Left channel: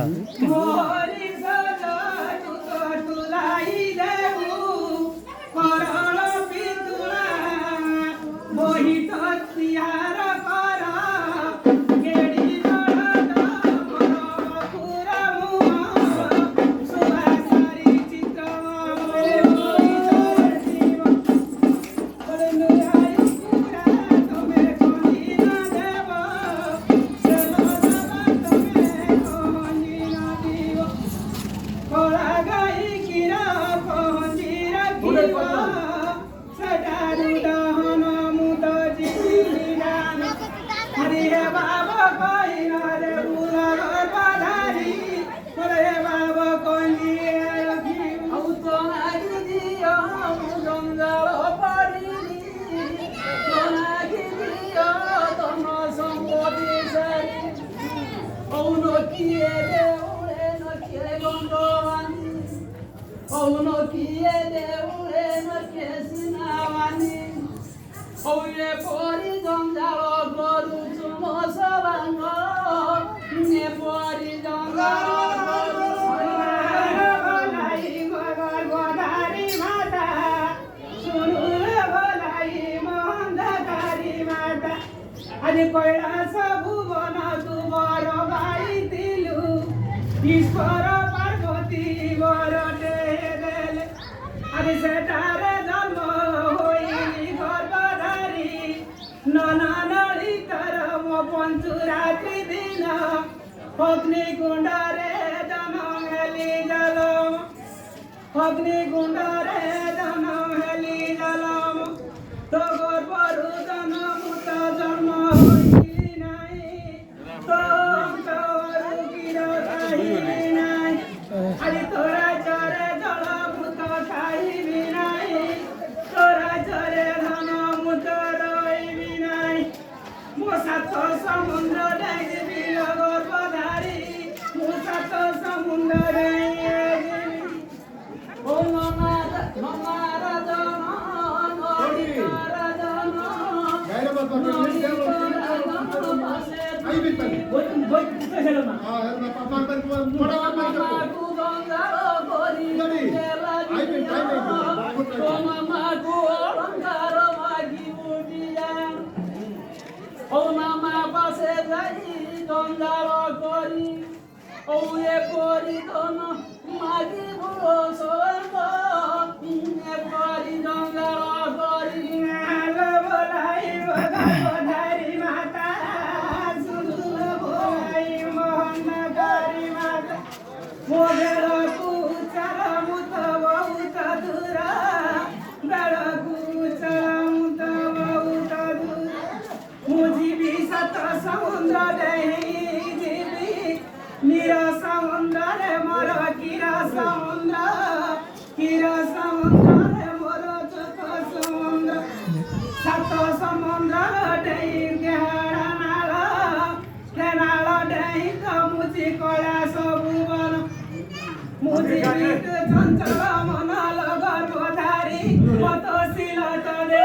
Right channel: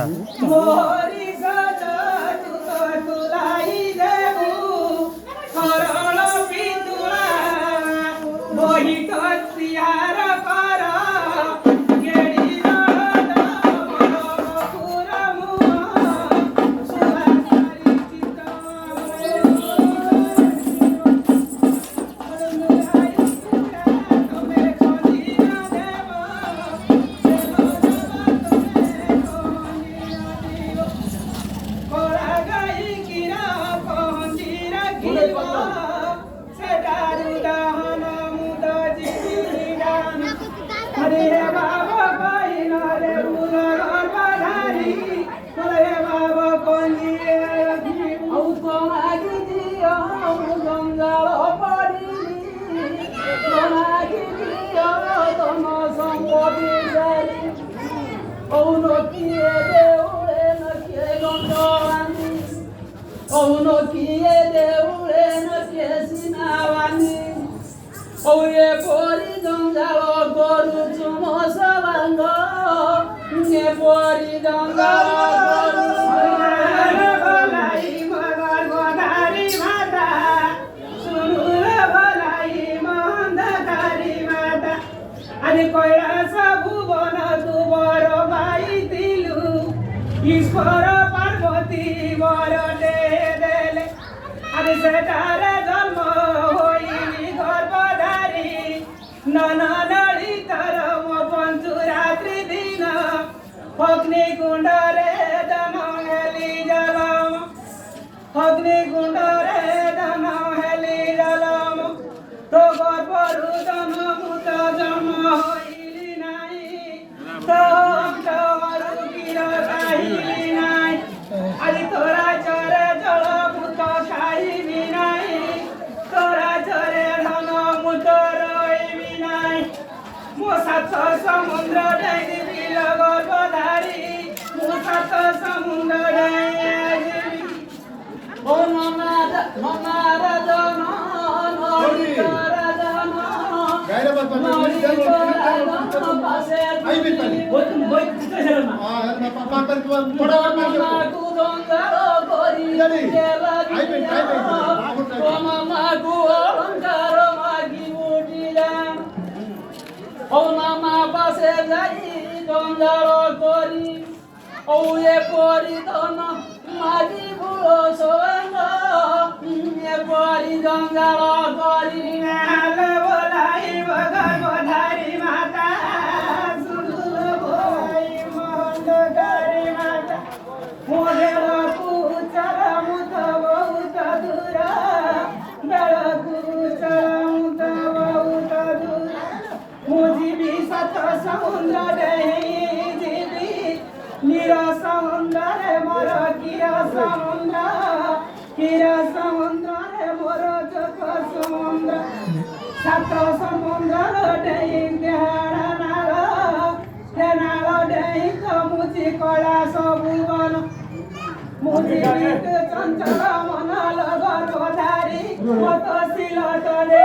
दादा ईश्वर पार्वती बरटे देले अरे सेटारे जन्म होइली गर्भधारी नननाडी तरम पञ्चुरात्रि दिन अग्निकुण्डरे जनहेली जलम अग्निकुण्डरे जनहेली जलम तो गर्भरु जनमुत जन्म होइली नाई तो अरे तोरा चरे जल मुत खाइबी नाई तोरा चरे धन मुत रहिबी नाई मो सात समुद्र डेगिबी गर्भधारी मो सात समुद्र डेगिबी ओ नमार जन नरी तोरा जन चंचल मनल गर्भधारी मत सिलटले